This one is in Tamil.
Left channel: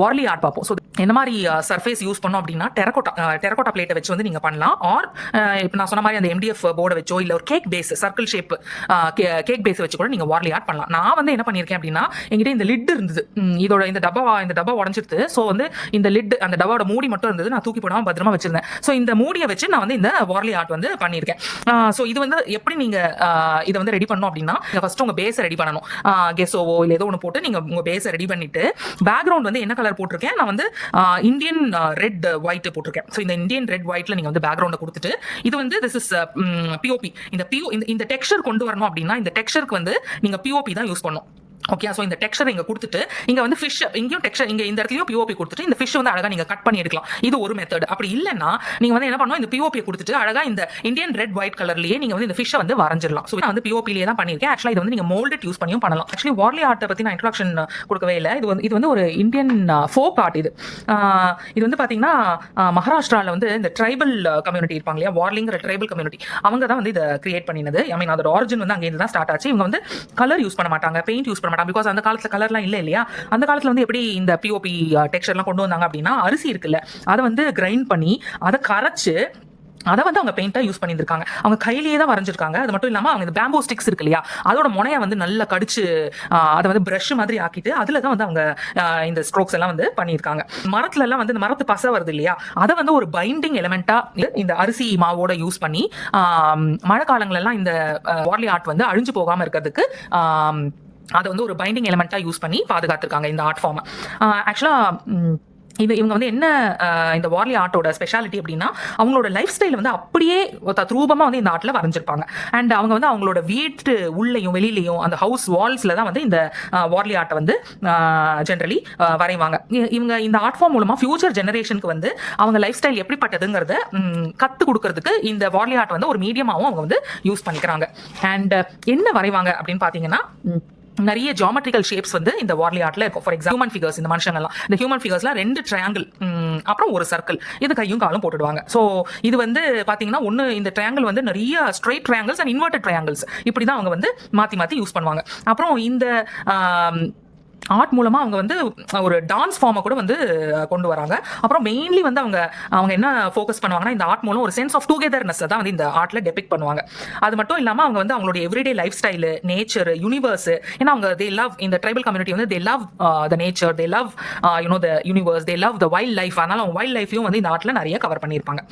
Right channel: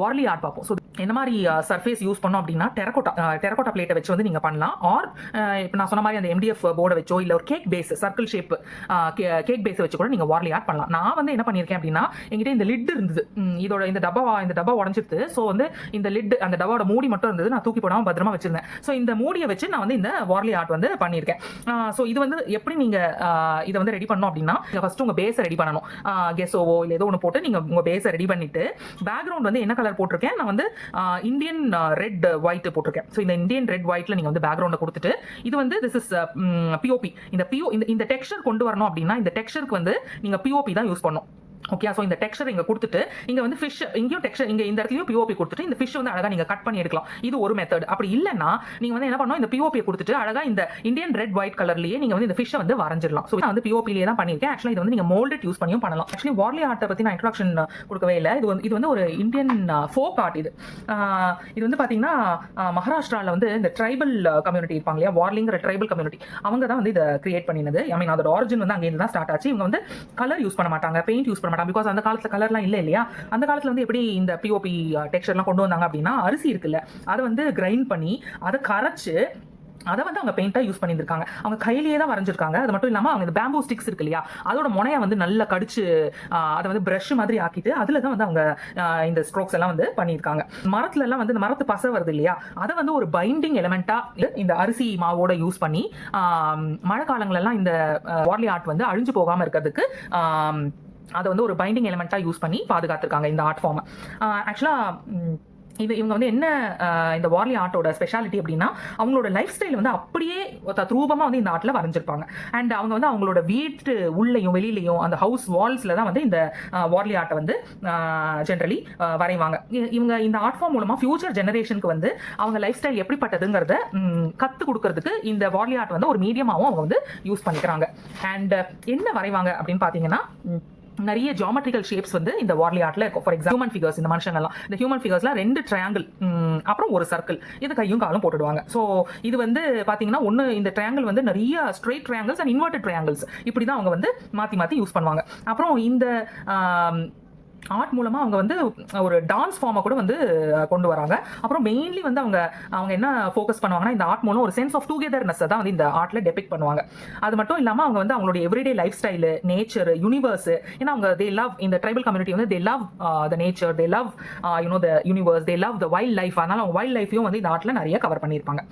வார்லி ஆர்ட் பார்ப்போம். ஸோ என்ன மாதிரி சர்ஃபேஸ் யூஸ் பண்ணோம் அப்படின்னா டெரகோட்டா பிளேட்டை வச்சு வந்து நீங்கள் பண்ணலாம். ஆர் இப்போ நான் சொன்ன மாதிரி அந்த MDF போர்டை வச்சோ இல்லை ஒரு cake base circle shape cake base வச்சு கூட நீங்கள் வார்லி ஆர்ட் பண்ணலாம். நான் வந்து என்ன பண்ணியிருக்கேன் அப்படின்னா, என்கிட்ட இந்த லிட் இருந்தது, இதோட இந்த டப்பா உடஞ்சிருது. ஸோ வந்து இந்த லிட் அந்த டப்பாவோட மூடி மட்டும் இருந்தது, நான் தூக்கி போடாமல் பத்திரமா வச்சிருந்தேன். ஸோ இந்த மூடியை வச்சு நான் வந்து இந்த வார்லி ஆர்ட் வந்து பண்ணியிருக்கேன். ஸோ இது வந்து எப்படி நீங்கள் இதை வந்து ரெடி பண்ணணும் அப்படின்னா, ஃபர்ஸ்ட் உங்கள் பேஸை ரெடி பண்ணணும். கெஸோவோ இல்லை ஏதோ ஒன்று போட்டு நீங்கள் உங்கள் பேஸை ரெடி பண்ணிட்டு, பேக்ரவுண்ட் வந்து என்ன கலர் போட்டிருக்கேன், நான் வந்து இந்தியன் ரெட் ஒயிட் போட்டிருக்கேன். ஸோ இந்த இந்தியன் ரெட் ஒயிட்ல நீங்க வந்து பேக்ரவுண்டை கொடுத்துட்டு, இது வந்து திஸ் இஸ் பிஓபி. இந்த டெக்ஸ்சர் கொண்டு வரணும் அப்படின்னா, இந்த டெக்ஸ்சருக்கு வந்து நீங்க பிஓபி தான் யூஸ் பண்ணணும். ஓகே, ஸோ இந்த டெக்ஸ்சர் இங்கே கொடுத்துட்டு, இங்கே வந்து ஃபிஷ் இங்கேயும் டெக்ஸ்சர், இங்கே இந்த இடத்துலையும் பிஓபி கொடுத்துட்டு, இந்த ஃபிஷ் வந்து அழகாக நீங்கள் கட் பண்ணி எடுக்கலாம். இது ஒரு மெத்தட். அப்படி இல்லைன்னா நீங்கள் வந்து என்ன பண்ணணும், இந்த பிஓபி கொடுத்துட்டு அழகாக இந்த இந்தியன் ரெட் ஒயிட் கலர்லேயே நீங்கள் வந்து இந்த ஃபிஷ்ஷை வந்து வரைஞ்சிடலாம். ஸோ நான் வந்து பிஓபிலேயே தான் பண்ணியிருக்கேன். ஆக்சுவலாக இது வந்து நீங்கள் மோல்டட் யூஸ் பண்ணியும் பண்ணலாம். ஆக்சுவலி வார்லி ஆர்ட்டை பற்றி நான் இன்ட்ரோடக்ஷன் கொடுக்கவே இல்லை. இது வந்து ஒரு இந்தியன் ஃபோக் ஆர்ட். இது வந்து பார்த்தீங்கன்னா மகாராஷ்டிராவில் வந்து இந்த ட்ரைபல் கம்யூனிட்டி இருப்பாங்க இல்லையா, வார்லிங்கிற ட்ரைபல் கம்யூனிட்டி, அவங்க தான் வந்து இதை கிரியேட் பண்ணினது. ஐ மீன் அதோட ஆரிஜின் வந்து அங்கேருந்து தான் ஸ்டார்ட் ஆச்சு. இவங்க வந்து கலர் யூஸ் பண்ண மாட்டாங்க, பெயிண்ட் யூஸ் பண்ண மாட்டாங்க. பிகாஸ் அந்த காலத்தில் கலர்லாம் இல்லை இல்லையா. அந்த காலத்தில் வந்து எப்படி இந்த பிஓபி டெக்ஸ்சர்லாம் கொண்டு வந்தாங்க அப்படின்னா, அரிசி இருக்குல்ல, அதை வந்து கிரைண்ட் பண்ணி அதை கரைச்சு அதை வந்து அவங்க பெயிண்டாக யூஸ் பண்ணியிருக்காங்க. அவங்க கையிலேயே தான் வரைஞ்சிருக்காங்க. அது மட்டும் இல்லாமல் அவங்க இந்த பேம்போ ஸ்டிக்ஸ் இருக்கு இல்லையா, அதோட முனையை வந்து நல்லா கடிச்சு அதை வந்து ப்ரஷ் மாதிரி ஆக்கிட்டு அதில் தான் வந்து அவங்க இந்த ஸ்ட்ரோக்ஸ் எல்லாம் வந்து பண்ணியிருக்காங்க. மரத்துல எல்லாம் வந்து இந்த மரத்து பசை வருது இல்லையா, அதை வந்து ஒரு பைண்டிங் எலிமெண்ட்டாக இந்த அரிசி மாவோட யூஸ் பண்ணி மழை காலங்களெல்லாம் இந்த வார்லி ஆர்ட் வந்து அழிஞ்சு போகாமல் இருக்கிறதுக்கு அதை வந்து ஒரு பைண்டிங் எலிமெண்ட்டாக யூஸ் பண்ணி பாதுகாத்துருக்காங்க இந்த ஆர்ட் ஃபார்மை. ஆக்சுவலாக இவங்க வந்து என்ன இந்த வார்லி ஆர்ட்டோட ஸ்பெஷாலிட்டி அப்படின்னா, அவங்களோட லைஃப் ஸ்டைல் வந்து அப்படியே தத்ரூபமாக வந்து இந்த ஆர்ட்டில் வரைஞ்சிருப்பாங்க. அண்ட் அவங்க வந்து அவங்களோட வீட்டு உள்ளேயும் வெளியிலையும் அந்த ஹவுஸ் வால்ஸில் தான் வந்து இந்த வார்லி ஆர்ட்டை வந்து ஜென்ரலி வரைவாங்க. இவங்க இந்த ஆர்ட் ஃபார்ம் மூலமாக ஃபியூச்சர் ஜெனரேஷனுக்கு வந்து அவங்க லைஃப் ஸ்டைல் எப்படிப்பட்டதுங்கிறத கற்றுக் கொடுக்கறதுக்கு இந்த வார்லி ஆர்ட் வந்து ஒரு மீடியமாகவும் அவங்க வந்து யூஸ் பண்ணிக்கிறாங்க. அண்ட் என்ன வரைவாங்க அப்படின்னு பார்த்தீங்கன்னா, நிறைய ஜியோமெட்ரிக்கல் ஷேப்ஸ் வந்து இந்த வார்லி ஆர்ட்ல இருக்கும். ஃபார் எக்ஸாம்பிள் ஹியூமன் ஃபிகர்ஸ், இந்த மனுஷங்கள்லாம் இந்த ஹியூமன் ஃபிகர்ஸ்லாம் 2 ட்ரையாங்கிள் அப்புறம் ஒரு சர்க்கிள், இது கையும் காலும் போட்டுடுவாங்க. ஸோ இது வந்து பார்த்தீங்கன்னா ஒன்று இந்த ட்ரையாங்கிள் வந்து நிறைய straight triangles and inverted triangles இப்படி தான் அவங்க வந்து மாற்றி யூஸ் பண்ணுவாங்க. அப்புறம் இந்த ஆர்ட் மூலமாக அவங்க வந்து ஒரு டான்ஸ் ஃபார்மை கூட வந்து கொண்டு வராங்க. அப்புறம் மெயின்லி வந்து அவங்க என்ன ஃபோக்கஸ் பண்ணுவாங்கன்னா, இந்த ஆர்ட் மூலம் ஒரு சென்ஸ் ஆஃப் டுகெதர்னஸ் தான் வந்து இந்த ஆர்ட்ல டெபிக்ட் பண்ணுவாங்க. அது மட்டும் இல்லாமல் அவங்க வந்து அவங்களுடைய everyday life style, nature, universe, ஏன்னா அவங்க தே லவ் இந்த ட்ரைபல் கம்யூனிட்டி வந்து they love the nature, they love the universe, they love the wild life. அதனால அவங்க வைல்ட் லைஃபையும் வந்து இந்த ஆர்ட்ல நிறைய கவர் பண்ணியிருப்பாங்க.